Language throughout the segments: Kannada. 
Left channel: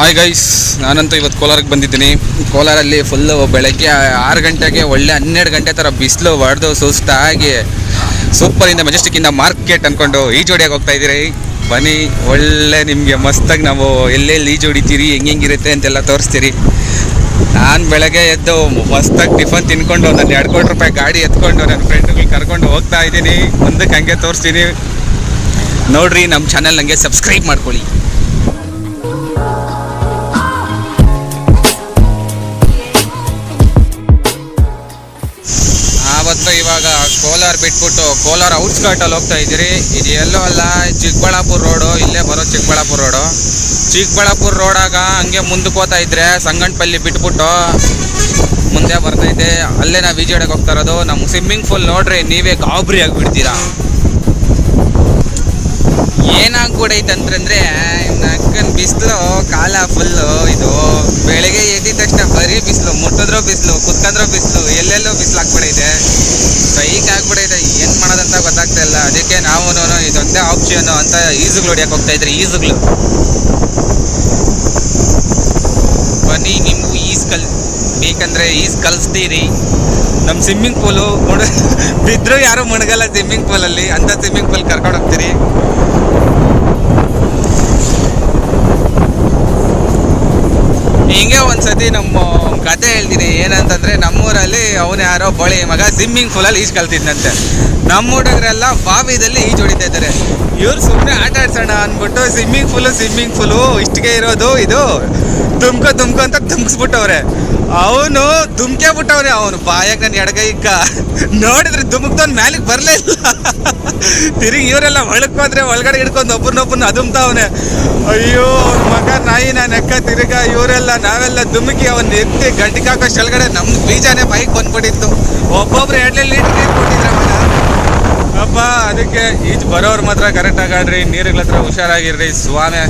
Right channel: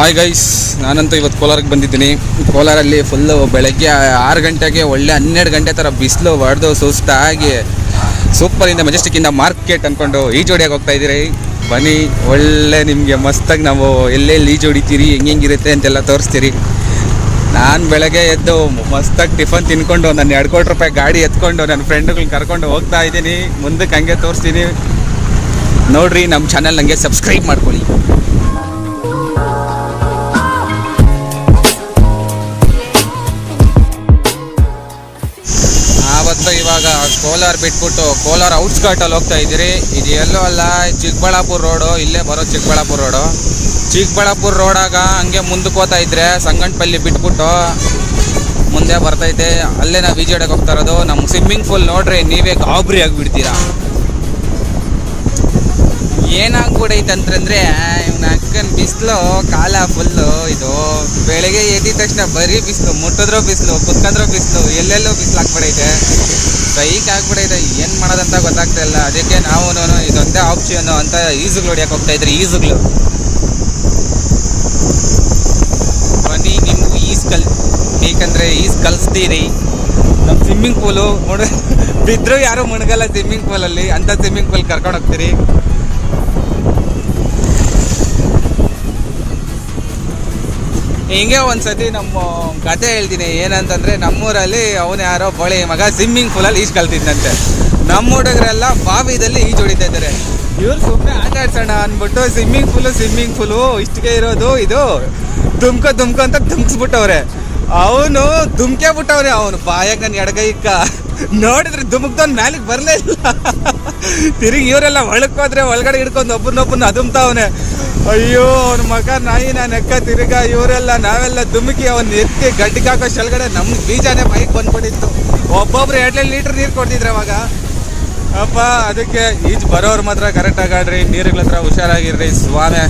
ಹಾಯ್ ಗೈಸ್, ನಾನಂತೂ ಇವತ್ತು ಕೋಲಾರಕ್ಕೆ ಬಂದಿದ್ದೀನಿ. ಕೋಲಾರಲ್ಲಿ ಫುಲ್ಲು ಬೆಳಗ್ಗೆ 6 ಗಂಟೆಗೆ ಒಳ್ಳೆ 12 ಗಂಟೆ ಥರ ಬಿಸಿಲು ಹೊಡೆದು ಸುಸ್ತಾಗಿ ಸೂಪರಿಂದ ಮೆಜೆಸ್ಟಿಕ್ಕಿಂದ ಮಾರ್ಕೆಟ್ ಅಂದ್ಕೊಂಡು ಈಜೋಡಿಯಾಗಿ ಹೋಗ್ತಾ ಇದ್ದೀರಿ. ಬನ್ನಿ, ಒಳ್ಳೆ ನಿಮಗೆ ಮಸ್ತಾಗಿ ನಾವು ಎಲ್ಲೆಲ್ಲಿ ಈಜು ಹೊಡಿತೀರಿ, ಹೆಂಗಿರುತ್ತೆ ಅಂತೆಲ್ಲ ತೋರಿಸ್ತೀರಿ. ನಾನು ಬೆಳಗ್ಗೆ ಎದ್ದು ಮಸ್ತಾಗಿ ಟಿಫನ್ ತಿನ್ಕೊಂಡು ನನ್ನ 2 ಕೋಟಿ ರೂಪಾಯಿ ಗಾಡಿ ಎತ್ಕೊಂಡು ನನ್ನ ಫ್ರೆಂಡ್ಗಳು ಕರ್ಕೊಂಡು ಹೋಗ್ತಾ ಇದ್ದೀನಿ. ಮುಂದಕ್ಕೆ ಹಂಗೆ ತೋರಿಸ್ತೀನಿ ನೋಡ್ರಿ. ನಮ್ಮ ಚಾನಲ್ ನನಗೆ ಸಬ್ಸ್ಕ್ರೈಬ್ ಮಾಡ್ಕೊಳ್ಳಿ. ಆವತ್ತು ಇವಾಗ ಕೋಲಾರ ಬಿಟ್ಬಿಟ್ಟು ಕೋಲಾರ ಔಟ್ಸ್ಕರ್ಟಲ್ಲಿ ಹೋಗ್ತಾ ಇದ್ದೀರಿ. ಇದು ಎಲ್ಲೋ ಅಲ್ಲ, ಚಿಕ್ಕಬಳ್ಳಾಪುರ ರೋಡು. ಇಲ್ಲೇ ಬರೋ ಚಿಕ್ಕಬಳ್ಳಾಪುರ ರೋಡು. ಚಿಕ್ಕಬಳ್ಳಾಪುರ ರೋಡಾಗ ಹಂಗೆ ಮುಂದಕ್ಕೆ ಹೋಗ್ತಾ ಇದ್ರೆ ಸಂಗನಪಲ್ಲಿ ಬಿಟ್ಬಿಟ್ಟು ಮುಂದೆ ಬರ್ತೈತೆ. ಅಲ್ಲೇ ನಾವು ಈಜಾಡಕ್ಕೆ ಹೋಗ್ತಾ ಇರೋದು. ನಮ್ಮ ಸ್ವಿಮ್ಮಿಂಗ್ ಪೂಲ್ ನೋಡ್ರಿ, ನೀವೇ ಗಾಬರಿ ಆಗಿಬಿಡ್ತೀರಾ. ಏನಾಗ್ಬಿಡೈತೆ ಅಂತಂದರೆ ನಕ್ಕನ ಬಿಸಿಲು ಕಾಲ ಫುಲ್ಲು. ಇದು ಬೆಳಗ್ಗೆ ಎದ್ದಿದ ತಕ್ಷಣ ಬರೀ ಬಿಸಿಲು, ಮುಟ್ಟಿದ್ರೂ ಬಿಸಿಲು, ಕುತ್ಕೊಂಡ್ರೂ ಬಿಸಿಲು, ಎಲ್ಲೆಲ್ಲೋ ಬಿಸಿಲು ಆಗ್ಬಿಡೈತೆ. ಸೈಕ್ ಆಗ್ಬಿಡೈತೆ. ಏನು ಮಾಡೋದಂತ ಗೊತ್ತಾಗ್ತಾ ಇಲ್ಲ. ಅದಕ್ಕೆ ನಾವು ಇದೊಂದೇ ಆಪ್ಷನ್ನು ಅಂತ ಈಜುಗಳು ಹೊಡಿಯೋಕೆ ಹೋಗ್ತಾ ಇದ್ರಿ. ಈಜುಗಳು ಬನ್ನಿ, ನಿಮಗೂ ಬೇಕಂದರೆ ಈಜು ಕಲಿಸ್ತೀರಿ. ನಮ್ಮ ಸ್ವಿಮ್ಮಿಂಗ್ ಪೂಲು ಬಿದ್ದರೂ ಯಾರೂ ಮುಣಗಲ್ಲ ಸ್ವಿಮ್ಮಿಂಗ್ ಪೂಲಲ್ಲಿ. ಅಂಥ ಸ್ವಿಮ್ಮಿಂಗ್ ಪೂಲ್ ಕರ್ಕೊಂಡು ಹೋಗ್ತೀರಿ. ಹಿಂಗೆ ಒಂದ್ಸತಿ ನಮ್ಮ ಕತೆ ಹೇಳ್ತೀನಿ. ಏನಂತಂದರೆ, ನಮ್ಮೂರಲ್ಲಿ ಅವನು ಯಾರೋ ಬಳಿ ಮಗ ಸ್ವಿಮ್ಮಿಂಗ್ ಪೂಲಲ್ಲಿ ಈಜು ಕಲ್ತಿದ್ದಂತೆ. ನಮ್ಮ ಹುಡುಗರೆಲ್ಲ ಬಾವಿದಲ್ಲಿ ಈಜು ಹೊಡಿತಾ ಇದ್ದಾರೆ. ಇವ್ರು ಸುಮ್ಮನೆ ಆಟ ಆಡ್ಸೋಣ ಅಂದ್ಬಿಟ್ಟು ಸ್ವಿಮ್ಮಿಂಗ್ ಪೂಲು ಇಷ್ಟಿಗೆ ಇರೋದು, ಇದು ದುಮ್ಕೊ ಅಂತ ದುಮ್ಕಿಸ್ಬಿಟ್ಟವ್ರೆ. ಅವನು ದುಮ್ಕೆ ಬಿಟ್ಟವ್ರೆ. ಅವನು ಬಾಯಾಗ ನನ್ನ ಎಡಗೈಕ್ಕ ನೋಡಿದ್ರೆ ದುಮ್ಕ್ದವ್ನು ಮ್ಯಾಲಿಗೆ ಬರಲೇ ಇಲ್ಲ. ತಿರುಗಿ ಇವರೆಲ್ಲ ಒಳಕೋದ್ರೆ ಒಳಗಡೆ ಹಿಡ್ಕೊಂಡು ಒಬ್ಬರನ್ನೊಬ್ಬರನ್ನ ಅದುಮ್ತಾವನೆ. ಅಯ್ಯೋ, ಅವ್ನ ಮಗ ನಾಯಿ ನಾನು ಎಕ್ಕ ತಿರುಗ ಇವರೆಲ್ಲ ನಾವೆಲ್ಲ ದುಮ್ಕಿ ಅವನ್ನ ಎತ್ತಿ ಗಡ್ಡಿಗೆ ಹಾಕೋಷ್ಟು ಒಳಗಡೆ ನಮ್ಮ ಬೀಜನೇ ಬೈಕ್ ಬಂದ್ಬಿಟ್ಟಿತ್ತು. ಒಬ್ಬೊಬ್ರು 2 ಲೀಟ್ರ್ ನೀರು ಕೊಟ್ಟಿದ್ರೆ ಅವಾಗ. ಅಪ್ಪ, ಅದಕ್ಕೆ ಈಜು ಬರೋರು ಮಾತ್ರ ಕರೆಕ್ಟಾಗಿ ಆಡ್ರಿ, ನೀರುಗಳ ಹತ್ರ ಹುಷಾರಾಗಿರ್ರಿ. ಸ್ವಾಮಿ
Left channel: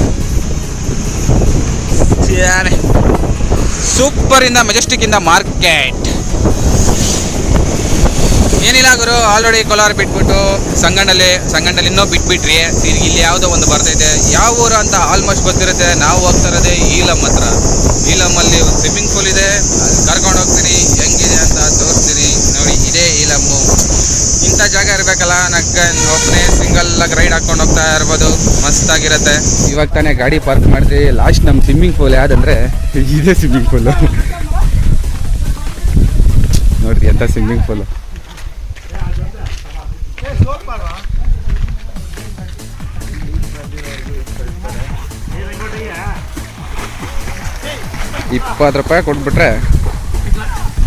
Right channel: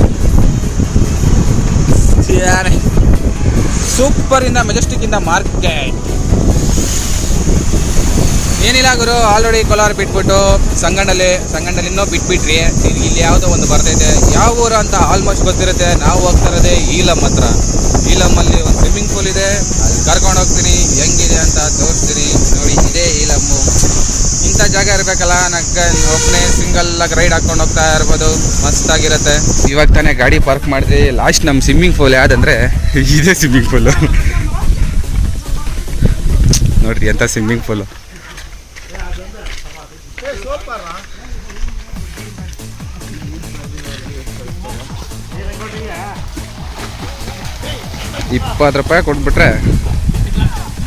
ಸೂಪರಿಂದ ಮೆಜೆಸ್ಟಿಕ್ಕಿಂದ ಮಾರ್ಕೆಟ್. ಏನಿಲ್ಲ ಗುರು, ಆಲ್ರೆಡಿ ಕೋಲಾರ ಬಿಟ್ಬಿಟ್ಟು ಸಂಗಂಡಲ್ಲಿ ಇನ್ನೂ ಬಿಟ್ಬಿಟ್ರಿ. ತಿರ್ಗಿ ಇಲ್ಲಿ ಯಾವುದೋ ಒಂದು ಬರ್ತೈತೆ. ಯಾವ ಊರು ಅಂತ ಆಲ್ಮೋಸ್ಟ್ ಗೊತ್ತಿರುತ್ತೆ. ನಾವು ಹೋಗ್ತಾ ಇರೋದೇ ಈಲಮ್ ಹತ್ರ. ಈಲಮ್ಮಲ್ಲಿ ಒಂದು ಸ್ವಿಮ್ಮಿಂಗ್ ಪೂಲ್ ಇದೆ. ಅಲ್ಲಿ ಕರ್ಕೊಂಡು ಹೋಗ್ತೀನಿ, ಹೆಂಗಿದೆ ಅಂತ ತೋರಿಸ್ತೀನಿ. ನೋಡಿ, ಇದೇ ಈಲಮ್ಮು. ಇಂಥ ಜಾಗ ಇರಬೇಕಲ್ಲ, ಒಬ್ಬನೇ ಸಿಂಗಲ್ಲಾಗಿ ರೈಡ್ ಹಾಕ್ಕೊಂಡು ಹೋಗ್ತಾ ಇರ್ಬೋದು. ಮಸ್ತಾಗಿರುತ್ತೆ. ಇವಾಗ ತಾನೇ ಗಾಡಿ ಪಾರ್ಕ್ ಮಾಡಿದ್ವಿ. ಲಾಸ್ಟ್ ನಮ್ಮ ಸ್ವಿಮ್ಮಿಂಗ್ ಪೂಲ್ ಯಾವುದಂದರೆ ಇದೇ ಸ್ವಿಮ್ಮಿಂಗ್ ಪೂಲು. ನೋಡ್ರಿ ಎಂಥ ಸ್ವಿಮ್ಮಿಂಗ್ ಪೂಲು. ₹20 ಕೊಟ್ಬಿಟ್ರೆ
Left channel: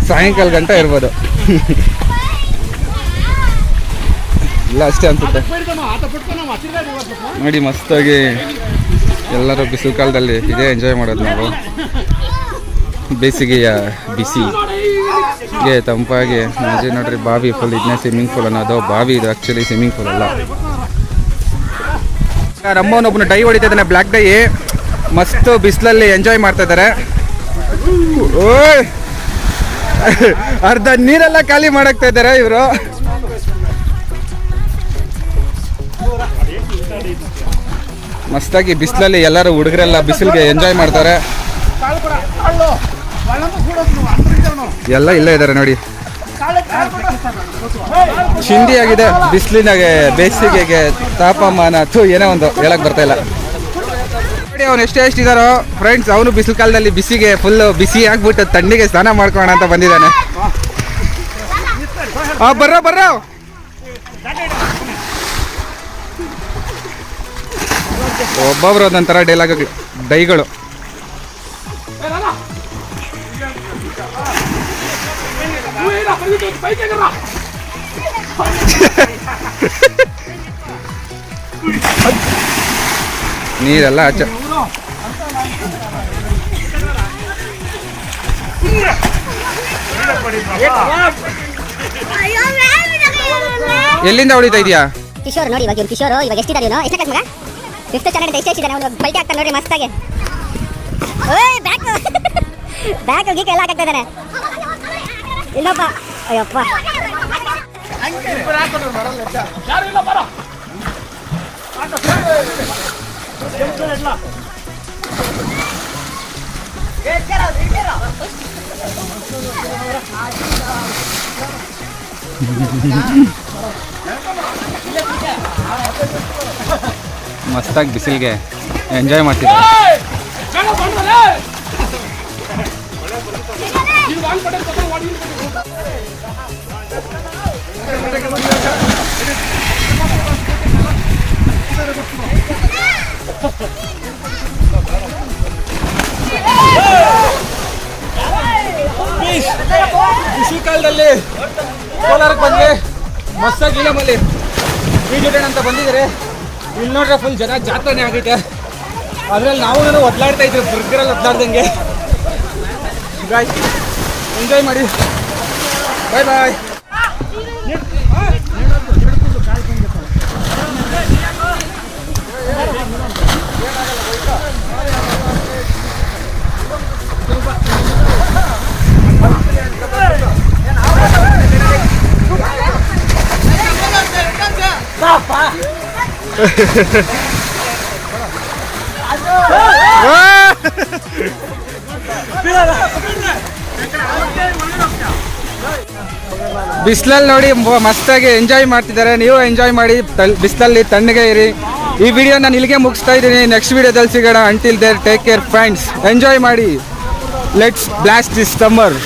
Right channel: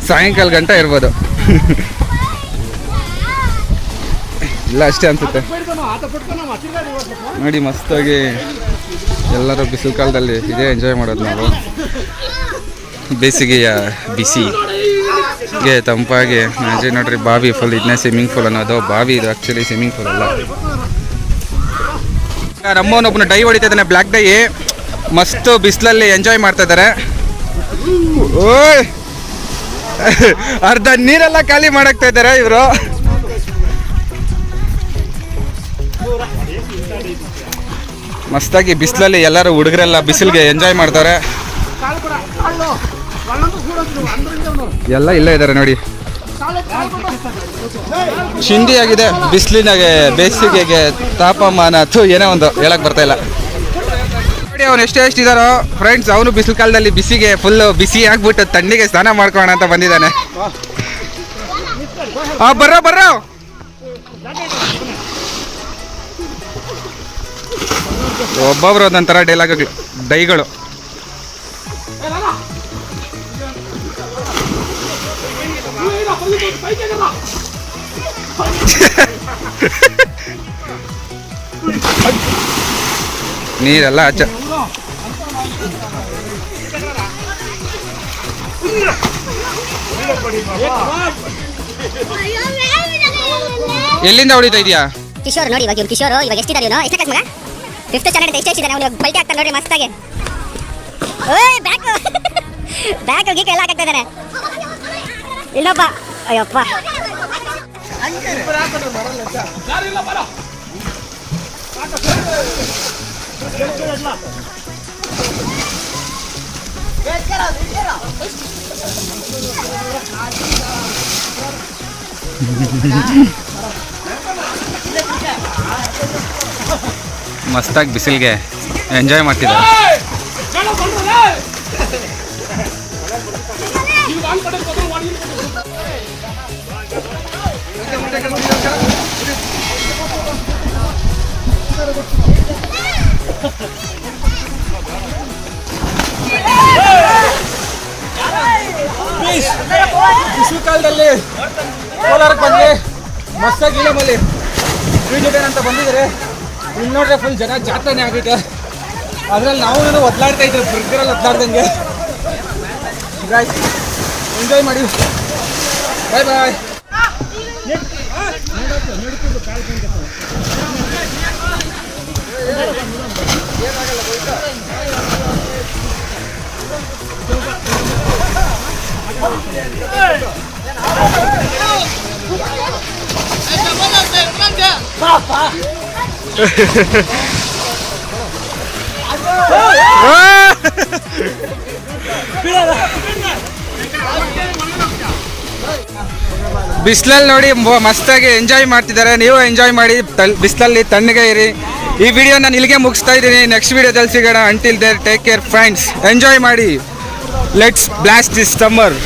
ಸಾಯಂಕಾಲ ಗಂಟ ಇರ್ಬೋದು. ಇಲ್ಲ ಅಷ್ಟೇ ಅನ್ಸುತ್ತೆ. ನೋಡಿ, ಮಸ್ತಾಗಿ ಎಲ್ಲರೂ ಬಿಸಿಲು ಕಾಲದಲ್ಲಿ ಇದೇ ಎಂಜಾಯ್ ಮಾಡೋದು ನಾವು. ಬೇಸಿಗೆಯ ಬಿಸಿಗೆ ತಂಪಾಗಿ ನೋಡ್ರಿ. ಬಾವಿ ಫುಲ್. ಇದನ್ನೇ ಸ್ವಿಮ್ಮಿಂಗ್ ಪೂಲ್ ಅನ್ನೋದು. ಬಾವಿ ಇದು ಆ್ಯಕ್ಚುಲಿ ಸ್ವಿಮ್ಮಿಂಗ್ ಪೂಲ್ ಅಲ್ಲ. ನಮ್ಮವನೊಬ್ಬನು ಡೈ ಹೊಡಿತಾ ಇದ್ದಾನೆ, ಬ್ಲ್ಯಾಕ್ ಡೈ. ಮಸ್ತು ಬಿಸಿಲಲ್ಲಿ ಎಂಜಾಯ್ ಮಾಡ್ತಾ ಇದ್ದಾರೆ. ಓಯ್, ಅರ್ಧ ನೀರೆಲ್ಲ ಖಾಲಿ ಮಾಡಾಕ್ತಾ ಇದ್ದಾರೆ ಇವರು. ಮಸ್ತಾಗಿ ಬಿಸಿಲಲ್ಲಿ ಎಲ್ಲರೂ ಹುಡುಗರೆಲ್ಲ ಬಿಸಿಲಿಗೆ ಎಂಜಾಯ್ ಮಾಡ್ತಾರೆ. ಎಲ್ಲ ಇಲ್ಲೇ ಇದ್ದಾರೆ ನೋಡಿ. ಚಿಂದಿ ಆಗಿದೆ ಬಿಸಿಲಿನಾಗೆ, ಬೇಸಿಗೆಗೆ ತಾಪಮಾನ ಏನೋ ಒಂದು ಹೇಳಕ್ ಬರ್ತಾ ಇಲ್ಲ. ನೋಡಿ, ಅವನು ಎಷ್ಟಿದಾರೋ ಫ್ರೆಂಡ್ಸ್. ಅವನು ಬಿಸಿಲು ಕಾಲದಲ್ಲಿ ಬಿಸಿಗೆ ಫುಲ್ಲು ಬಿಸಿ ಆಗ್ಬಿಟ್ಟು ತಣ್ಣಗೆ ಸ್ನಾನ ಮಾಡ್ಕೋಣ ಅಂತ ಬಂದಿದ್ದಾನೆ. ಬರ್ರೋ ಒಬ್ಬೊಬ್ರು ಒಂದೊಂಥರ ಡೈಗಳು. ನೀರೆಲ್ಲ ಹಚ್ಚ. ಎಲ್ಲಿಂದ ಹೊಡಿತಾ ಇದೀಯಾ? ಕಿಶೋರ್ ನೋಡಿ, ಇವಾಗ ಕಿಶೋರ್ ಇವಾಗ ಎಷ್ಟಿದ್ದಾರೆ ಇವನು? ಎಷ್ಟು ಮಗ? 5th ಸ್ಟ್ಯಾಂಡರ್ಡ್ ಎಷ್ಟು ಇದ್ದಾನೆ ಅವನು? ಬಲ್ಟಿ ಆಗ್ತಾನೆ ನೋಡ್ರಿ ಮಸ್ತಾಗಿ. ಓಯ್, ಬ್ಯಾಕ್ ಗೀಕ್ ಎಲ್ಲ ಹಾಕ್ತಾ ಇದ್ದಾನೆ ಇನ್ನೊಬ್ಬ. ಅಯ್ಯಪ್ಪ, ಮಸ್ತಾಗಿ ಬಿಸಿಲಿಗೆ ಎಂಜಾಯ್ ಮಾಡ್ತಿದ್ದಾರೆ. ಬಿಸಿ ಕಾಲದಲ್ಲಿ ಕೋಲಾರಕ್ಕೆ ಬಂದ್ರೆ ಮಸ್ತಾಗಿ ಇಲ್ಲಮಲ್ಲಿ ಈ ಜೊತೆ ಅಂತ ಬಂದಿದ್ದಾರೆ. ಇಲ್ಲಿ ನೋಡ್ರೆ ಫುಲ್ ಜನ ಜಾತ್ರೆನೇ ಆಗೈತೆ. ಅದ್ರಲ್ಲಿ ನಾವು ಒದ್ಲಾಡ್ತಾ ಇದ್ರು ಬುರ್ಗರಲ್ಲಿ ಒದ್ಲಾಡ್ದಂಗೆ. ಎಂಜಾಯ್ ಮಾಡಿ, ಬಾಯ್ ಬಾಯ್. ಬಿಸಿಲಲ್ಲಿ ನೋಡಿ ಮಸ್ತಾಗಿ ಎಂಜಾಯ್ ಮಾಡ್ತಿದ್ದಾರೆ. ನೀವು ಎಂಜಾಯ್ ಮಾಡಿ, ಬಿಸಿಲಲ್ಲಿ ತಣ್ಣಗೆ ಇರಿ. ಈ ವಿಡಿಯೋ ನಾನು ಇಲ್ಲಿಗೆ ಮುಗಿಸ್ತಾ ಇದ್ದೀನಿ. ನೆಕ್ಸ್ಟ್ ವಿಡಿಯೋದಲ್ಲಿ ಸಿಗೋಣ. Until there take care friends. Enjoy ಮಾಡಿ. Let's blast this summer.